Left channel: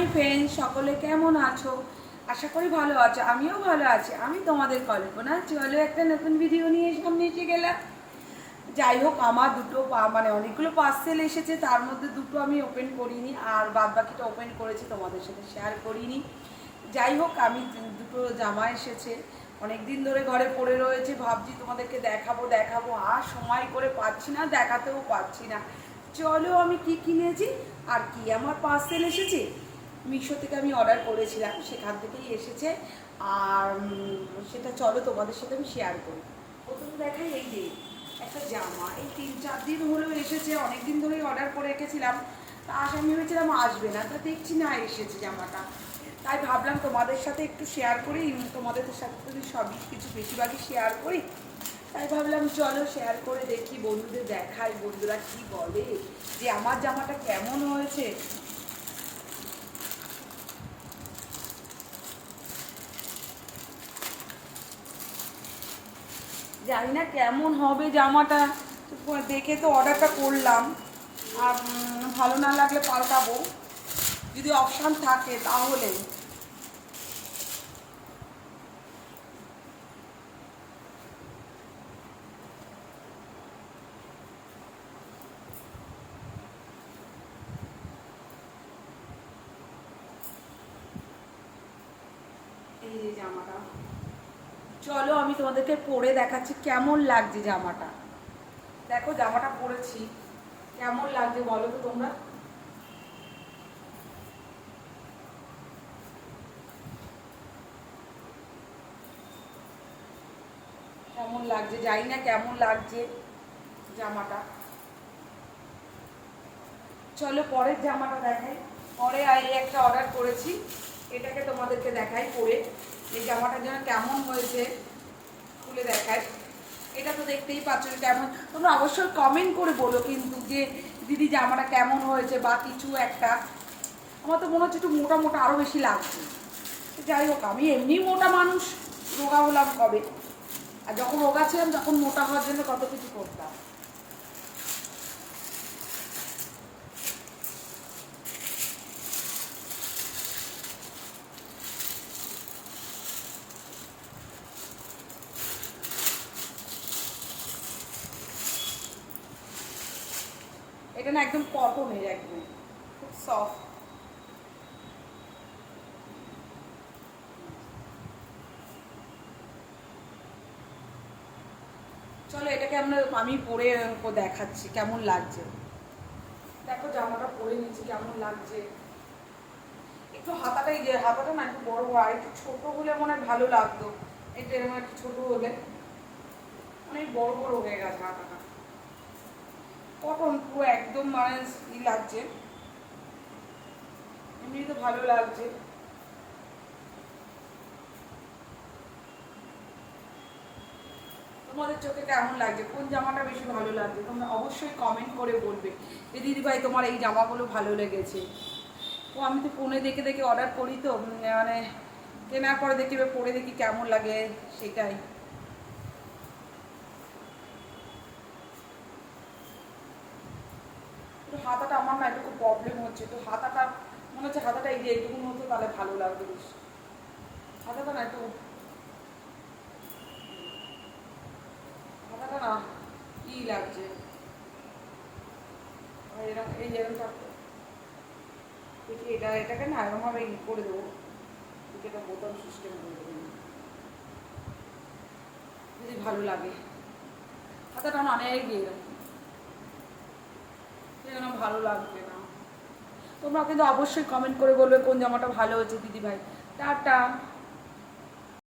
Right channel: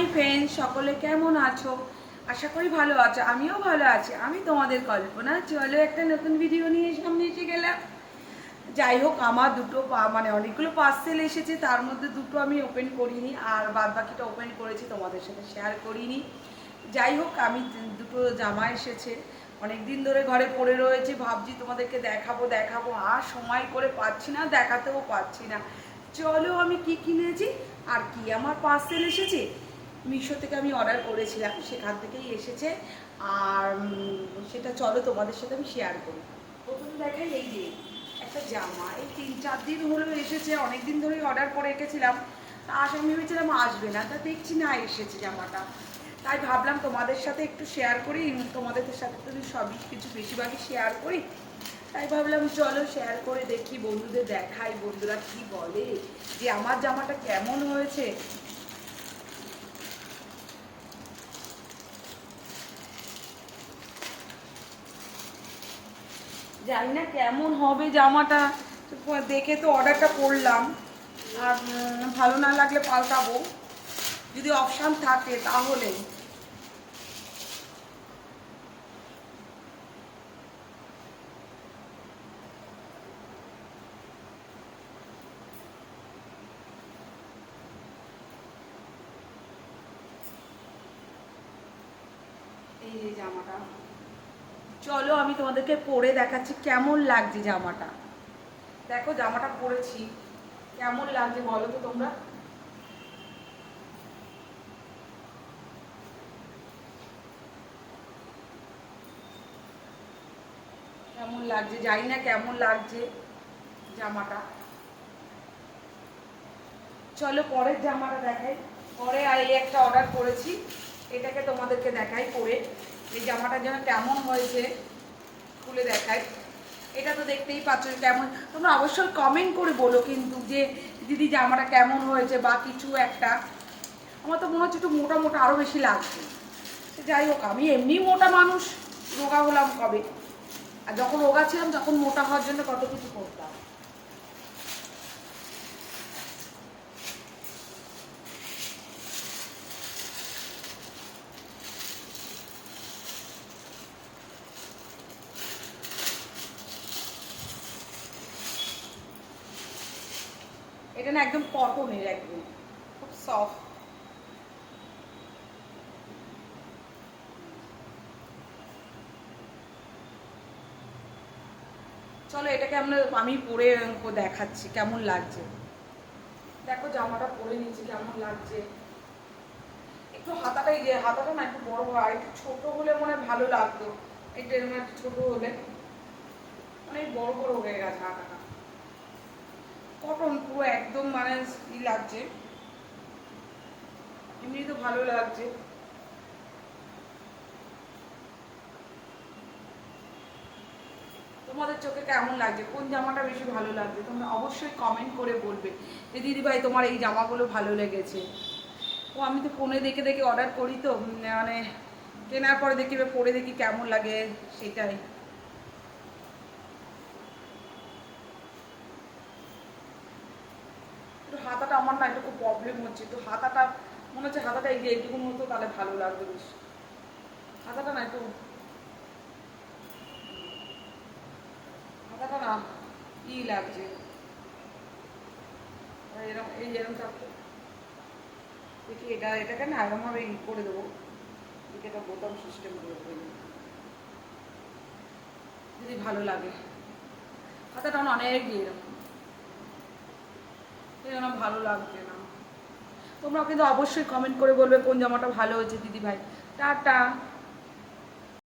Hi friend সকলে কেমন আছো? আশা করি ভালো আছো, আমিও ভালো আছি। আমি তোমাদের কল্পনা, চলো একটা নতুন ভিডিও নিয়ে সামনে এসে গেলাম। যাই হোক, আমার দুটো মানে অনেকগুলো পার্সেল এসেছে, তার মধ্যে দুটো আমি ওপেন করিনি, আর বাদ বাকিটা ওপেন করেছি, তোমাদের সাথে শেয়ার করিনি। যাই হোক, আমি দুটো জামা এসেছে। অনেক দিন ধরে ঘরে পড়ে রয়েছে, ভাবছি তোমাদেরকে দেখাবো দেখাবো। আর সময় করে পাচ্ছি না, দেখাতেও পাচ্ছি না। চলো আমি কি কিনেছি, আর কি আমার পার্সেল এসেছে? মিশো থেকে আমি অর্ডার করেছিলাম, সেখান থেকেই এসেছে। আর সেটা চলো তোমাদের সাথে আমি শেয়ার করি। প্রথমে দেখাই এই যে একটা জামা। এই তিন চার দিন হলো এসেছে অনেক দিন ধরেই অর্ডার করে রেখেছিলাম। তা আশা আমি ভেবেছিলাম আসবে না, তা দেখছি না এসেছে জামাটা। তাই ভাবলাম তোমাদের সাথে একটু শেয়ার করি তোমাদের সাথে তো সব কিছু বেশিরভাগই শেয়ার করি। তাই ভাবলাম চলো শেয়ার করে দেখি, বন্ধুদের দেখাই, বন্ধুরা কি বলে? যে আমার জামাটা কেমন হয়েছে? জানি না কেমন হবে জামাটা। দেখে তো অর্ডারটা করলাম। আর ভালো না লাগলে পাল্টাবো। যদি অপশান থাকে তাহলে এই যে জামাটা চলো আমি তোমাদেরকে পরে দেখাচ্ছি কেমন লাগছে জামাটা। দেখো জামাটা পরেছি। কেমন লাগছে বলো তো তোমরা? কেমন লাগছে? জানি না কেমন লাগছে জামাটা। চলো পরের জামাটা দেখাই। পরে এই একটা অর্ডার করেছি। এটাকে তোমাদেরকে দেখাই পরে। এই জামাটা যেন কেমন হয়েছে, খুলে দেখায় এটা তো দেখতেই পাচ্ছ কেমন। তোমরা অবশ্যই কমেন্ট করে বলো কিন্তু যে দিদি জামাটা কেমন হয়েছে বা কিছু একটা। আমার তো মনে হচ্ছে একটু মোটা মোটা আরও বেশি লাগছে। যাই হোক, আমি এমনি মোটা মানুষ, রোগা হলাম কবে? আর যখন রোগা ছিলাম তখন মোটা হওয়ার জন্য কত কিছু করতাম। এটা না একদম কটনের একদম। খুব সফট চলো এটাকে আমরা, আমি পরে দেখাচ্ছি, কেমন লাগছে? দেখো জামাটা পরে নিয়েছি, কেমন লাগছে। একটু হাতাটা এই যে হাতাটা না একটু বড় হয় একটু ছোট হলে মনে হয় ভালো লাগতো। এটা এরকম একটু ছোট হলে। অনেক বড় বড় হয়ে গেছে হাতাটা। কটন পুরো একদম মানে লাগছে। এমনি তো ভালো লাগছে। তোমাদের চোখে কেমন লাগছে? কোন জামাটা বেশি ভালো লাগছে? তোমরা অবশ্যই কমেন্ট করে বলবে যে, দিদিভাই, তোমার এই জামাগুলো ভালো লেগেছে। ও, আমি তো ফোনে দেখে দেখে অর্ডার করি তো মানে কেনার পরে দেখি পরে দেখি কেমন লাগে সেটাই একটু হাতাটা আমার না একটু খুব প্রবলেম হচ্ছে। তো হাতাটা, মনে হচ্ছে হাতাটা এই এরকম হতো, তাহলে ভালো লাগবে বেশ। হাতাটা না একটু, হাতাটা না ই লাগছে। এরকম এই যেরকম থাকতো দেখি এটা, এটাকে না এরকমভাবে ই করে দেবো। এদিকে একটা বোতাম সিস্টেম করে দেবো। যদি ভালো লাগে। হাতাটা অনেক এরকম যেন ভালো লাগছে না। তোমরা কিন্তু অবশ্যই কমেন্ট করে বলবে কোন জামাটা ভালো হয়েছে দিদিভাই। টাটা।